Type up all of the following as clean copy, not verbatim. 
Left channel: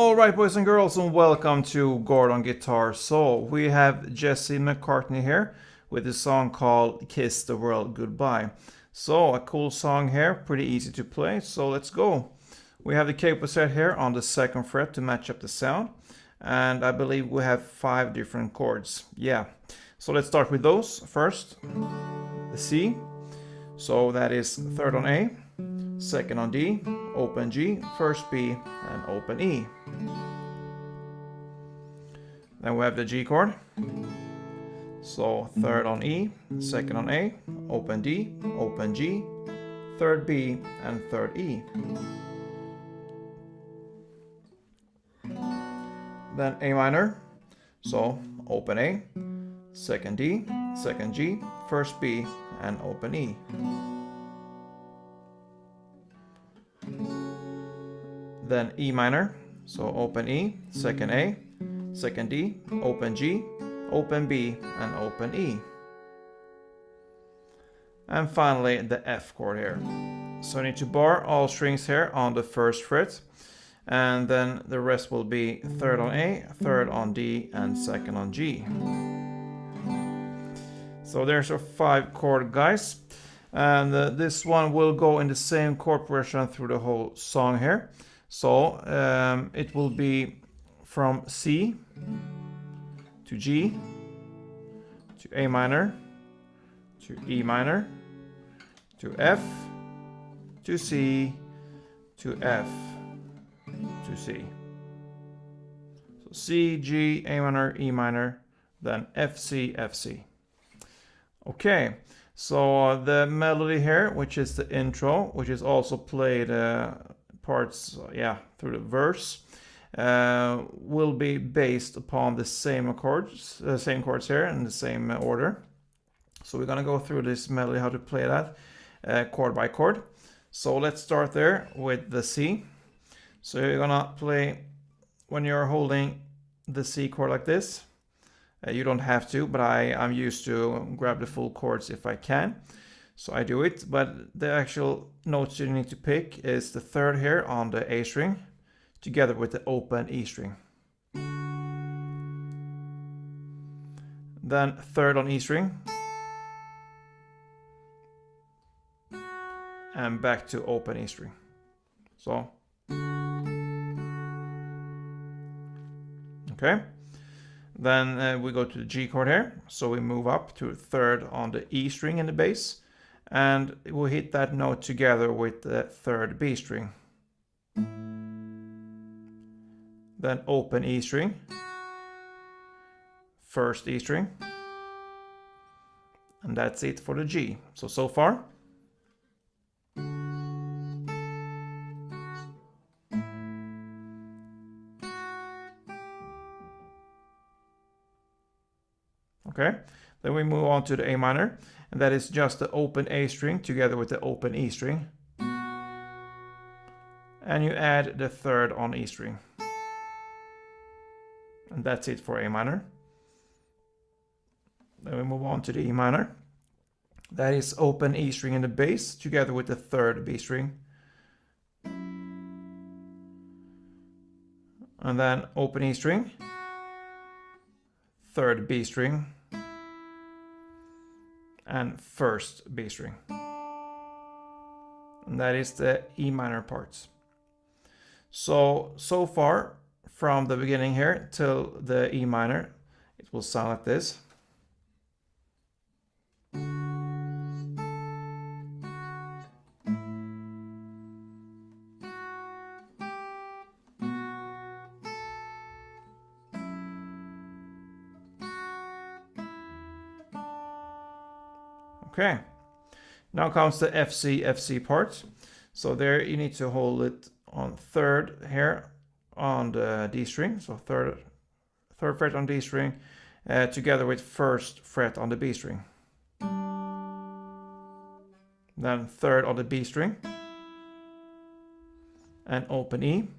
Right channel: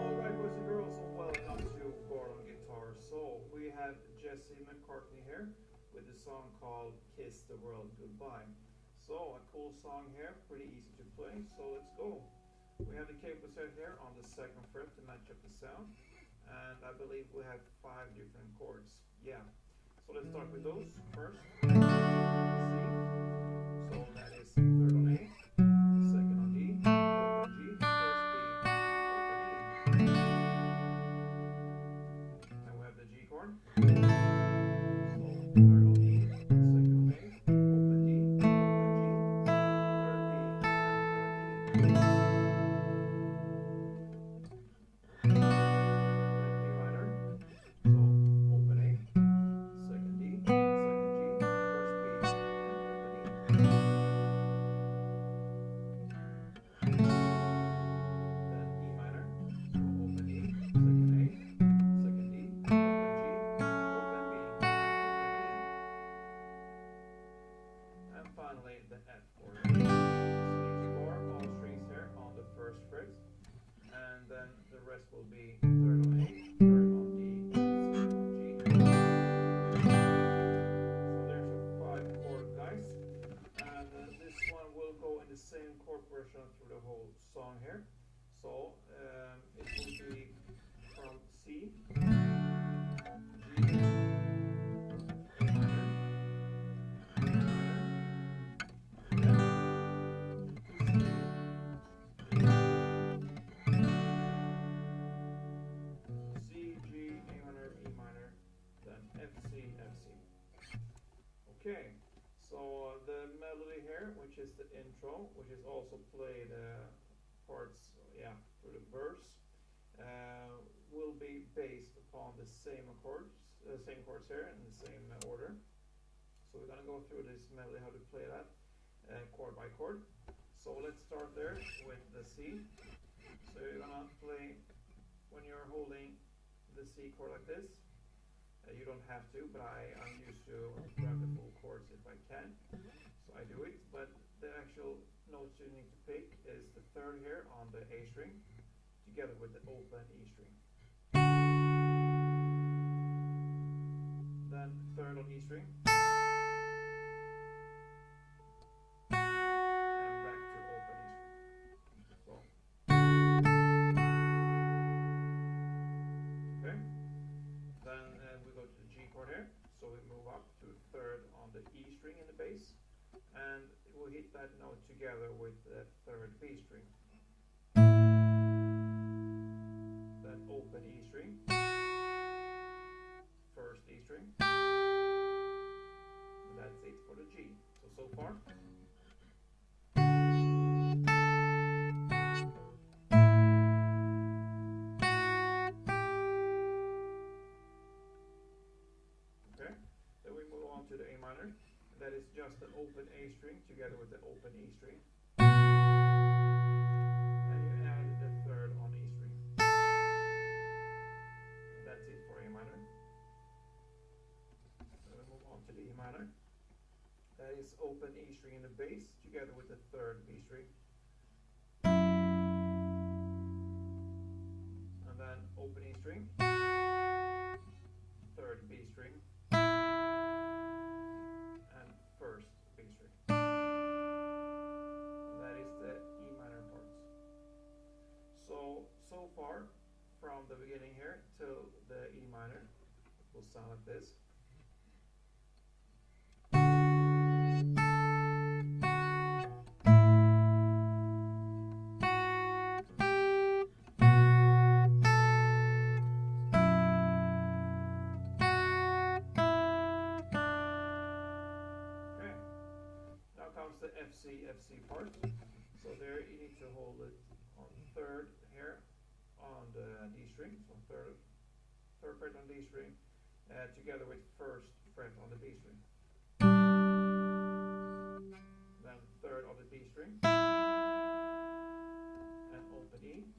Alright, boys and girls, and welcome to Chord on Guitar. So, we have Jesse McCartney here with a song called Kiss the World Goodbye. So, a cool song here, pretty easy to play, so let's go. We have the capo set here on the 2nd fret to match up the sound, and I believe we have 5 different chords. Yeah, so let's start with those. First, the C, so that is 3rd on A, 2nd on D, open G, 1st B, and open E. Then we have the G chord. So 3rd on E, 2nd on A, open D, open G, 3rd B, and 3rd E. Then A minor, so open A, 2nd D, 2nd G, 1st B, and open E. Then E minor, so open E, 2nd A, 2nd D, open G, open B, and open E. And finally the F chord here. So I need to bar all strings here on the 1st fret, and then the rest will be 3rd on A, 3rd on D, and 2nd on G. So there's our 5 chord, guys, and this one will go in the same chord progression through the whole song here. So it will be from C to G to A minor to E minor to F to C to F to C. So C, G, A minor, E minor, then F, C, F, C. Okay, so the melody here, which is the intro, which is also played parts through the verse, will be based upon the same chords here in the same order. So we're gonna go through this melody, how to play that chord by chord. So let's start there with the C. So you're gonna play when you're holding the C chord like this. You don't have to, but I'm used to grab the full chords if I can. So I do it, but the actual notes you need to pick is the 3rd here on the A string, together with the open E string. Then 3rd on E string, and back to open E string. So, okay. Then we go to the G chord here, so we move up to 3rd on the E string in the bass, and we'll hit that note together with the 3rd B string. Then open E string, 1st E string, and that's it for the G. So far. Okay, then we move on to the A minor, and that is just the open A string together with the open E string. And you add the 3rd on E string. And that's it for A minor. Then we move on to the E minor. That is open E string in the bass together with the 3rd B string. And then open E string, 3rd B string, and 1st B string. And that is the E minor parts. So far, from the beginning here till the E minor, it will sound like this. Okay, now comes the FC part. So there you need to hold it on 3rd here on the D string, so 3rd fret on D string, together with 1st fret on the B string. Then 3rd on the B string, and open E.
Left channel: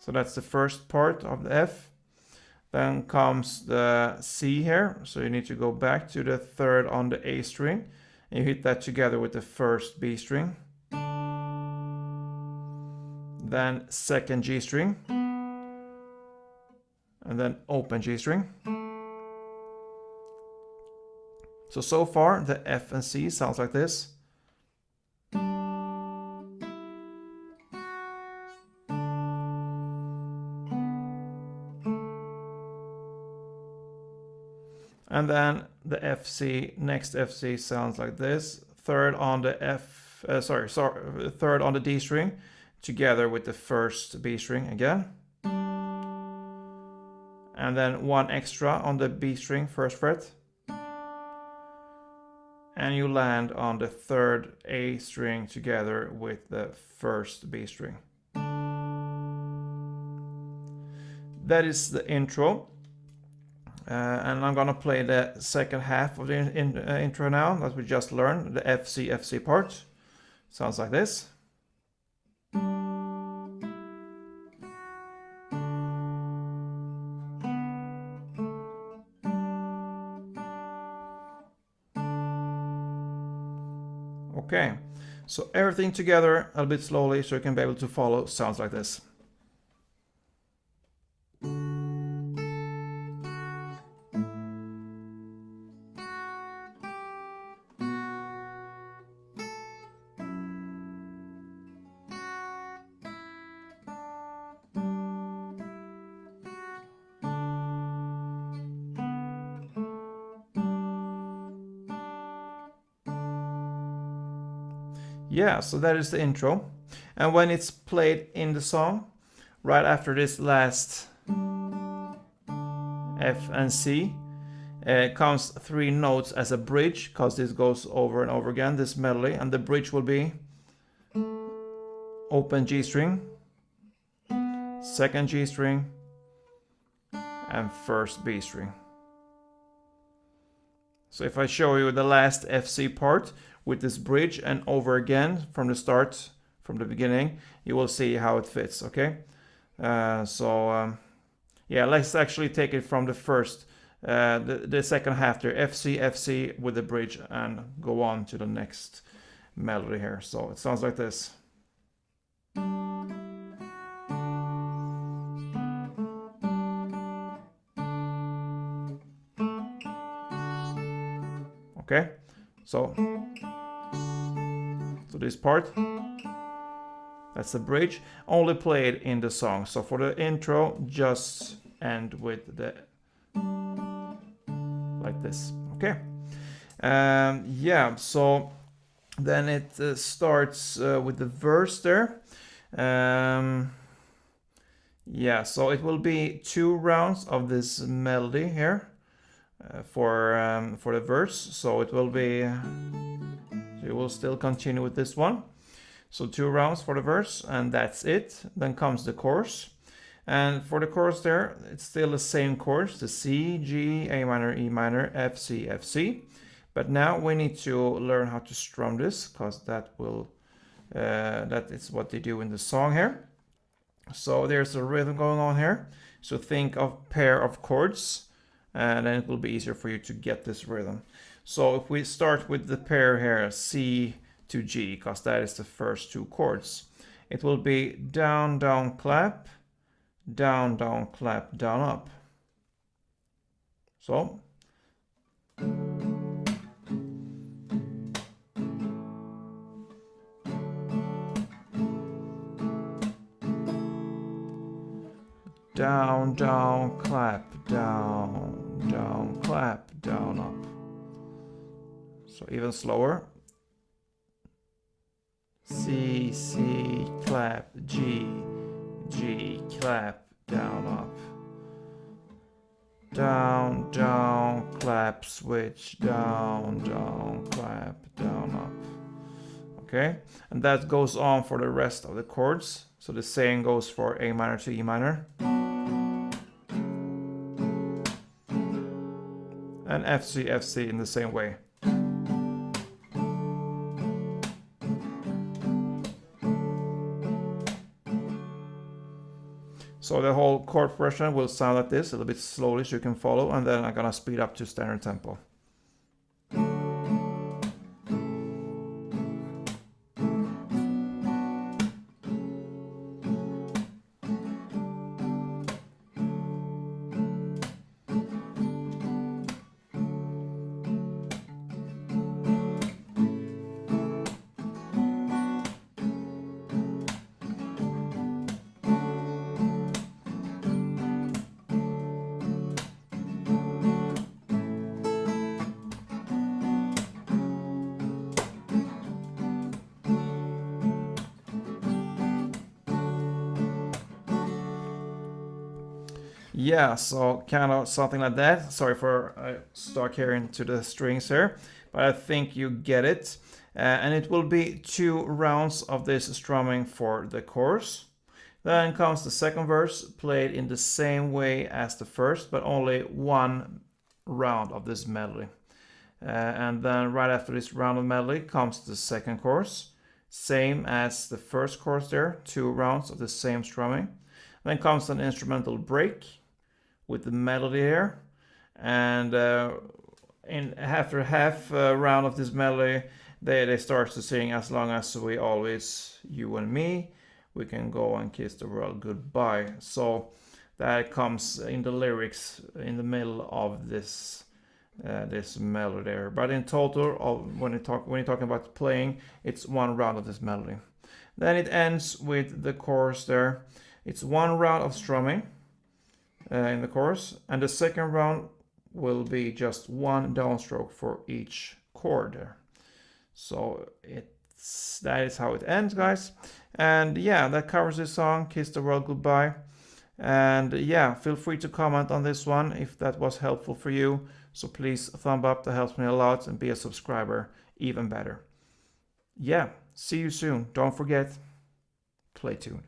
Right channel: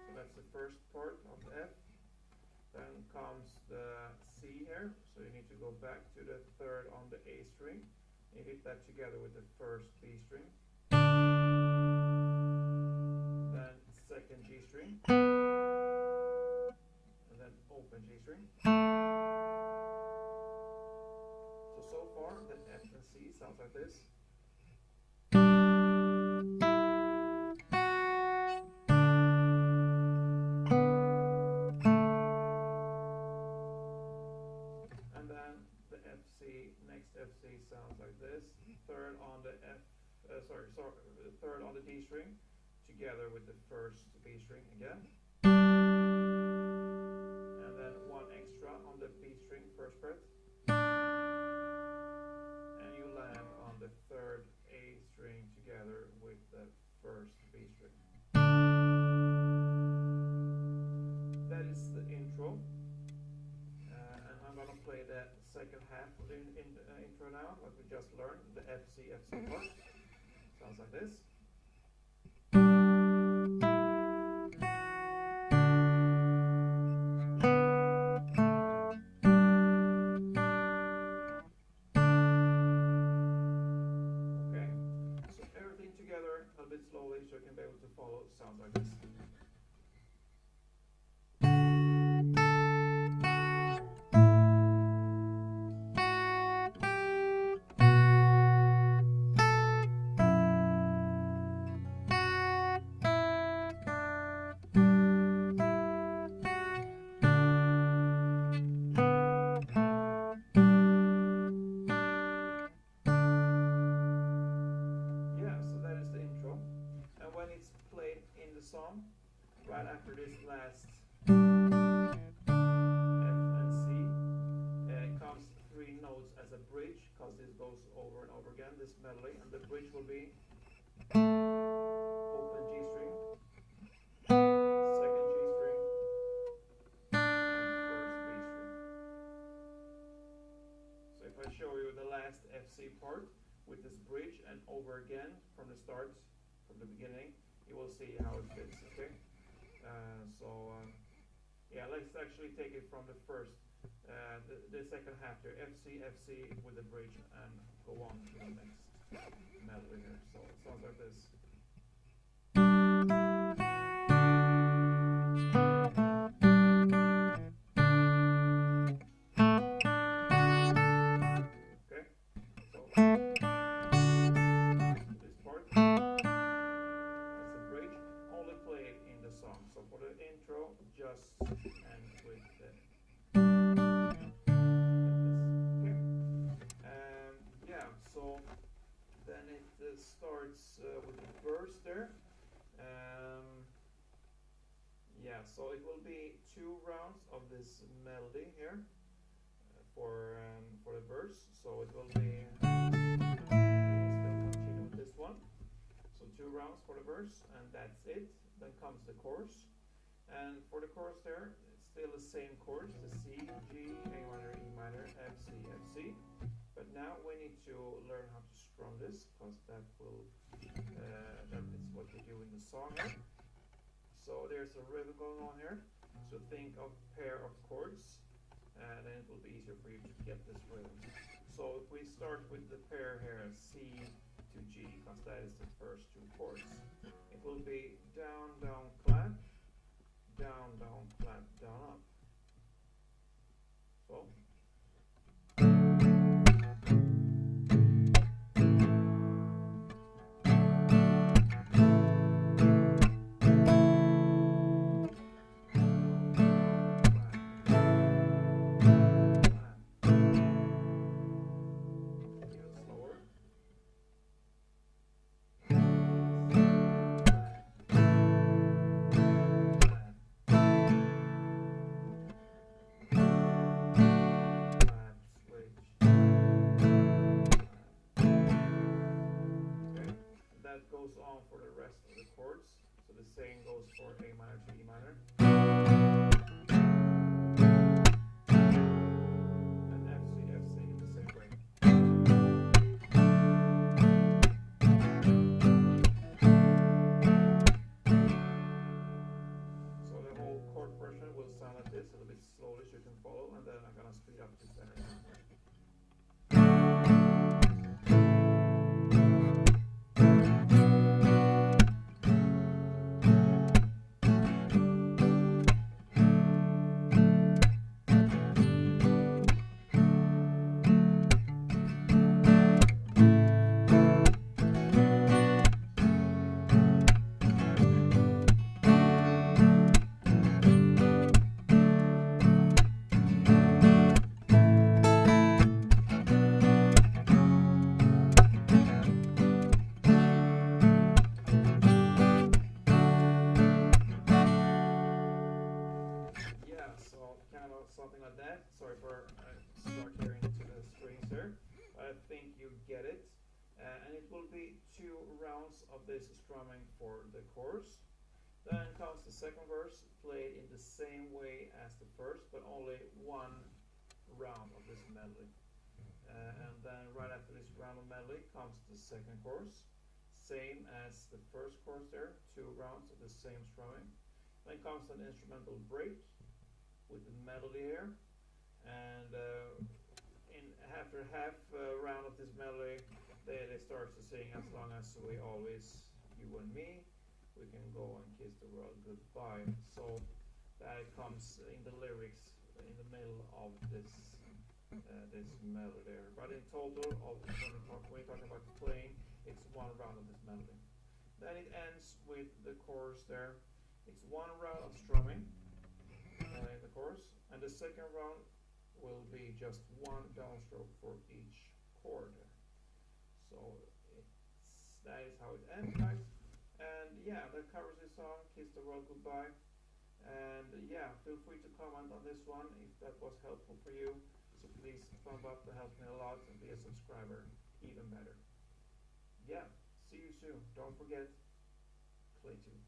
So that's the first part of the F. Then comes the C here, so you need to go back to the 3rd on the A string, and you hit that together with the 1st B string. then second G string, and then open G string. So far the F and C sounds like this. And then the FC, next FC sounds like this. Third on the third on the D string, together with the first B string again. And then one extra on the B string, first fret. And you land on the third A string together with the first B string. That is the intro. And I'm gonna play the second half of the intro now that we just learned, the FC part. Sounds like this. Okay, so everything together a bit slowly so you can be able to follow. Sounds like this. Yeah, so that is the intro. And when it's played in the song, right after this last F and C, comes 3 notes as a bridge, because this goes over and over again, this melody, and the bridge will be open G string, second G string, and first B string. So if I show you the last FC part with this bridge and over again from the start, from the beginning, you will see how it fits, okay? Yeah, let's actually take it from the first, the second half there, FC, FC with the bridge, and go on to the next melody here. So it sounds like this. Okay, so this part, that's the bridge, only played in the song. So for the intro, just end with the like this. Okay. Yeah. So then it starts with the verse there. Yeah. So it will be 2 rounds of this melody here for the verse. So it will be. We will still continue with this one. So 2 rounds for the verse, and that's it. Then comes the chorus. And for the chorus there, it's still the same chords, the C, G, A minor, E minor, F, C, F, C. But now we need to learn how to strum this, because that is what they do in the song here. So there's a rhythm going on here. So think of pair of chords, and then it will be easier for you to get this rhythm. So if we start with the pair here, C to G, because that is the first 2 chords, it will be down, down, clap, down, down, clap, down, up. So. Down, down, clap, down, down, clap, down, up. So even slower. C, C, clap, G, G, clap, down, up. Down, down, clap, switch, down, down, clap, down, up. Okay, and that goes on for the rest of the chords. So the same goes for A minor to E minor. And F, C, F, C in the same way. So the whole chord progression will sound like this, a little bit slowly so you can follow, and then I'm gonna speed up to standard tempo. Yeah, so kind of something like that. Sorry for stuck here into the strings here, but I think you get it. And it will be 2 rounds of this strumming for the chorus. Then comes the second verse, played in the same way as the first, but only 1 round of this melody. And then right after this round of melody comes the second chorus, same as the first chorus there, 2 rounds of the same strumming. Then comes an instrumental break with the melody here, and after half round of this melody, they start to sing "As long as we always, you and me, we can go and kiss the world goodbye." So that comes in the lyrics in the middle of this melody there. But in total, when you're talking about playing, it's 1 round of this melody. Then it ends with the chorus there. It's 1 round of strumming in the chorus, and the second round will be just 1 downstroke for each chord there. So that is how it ends, guys. And yeah, that covers this song, "Kiss the World Goodbye." And yeah, feel free to comment on this one if that was helpful for you. So please thumb up, that helps me a lot, and be a subscriber, even better. Yeah, see you soon. Don't forget, play tune.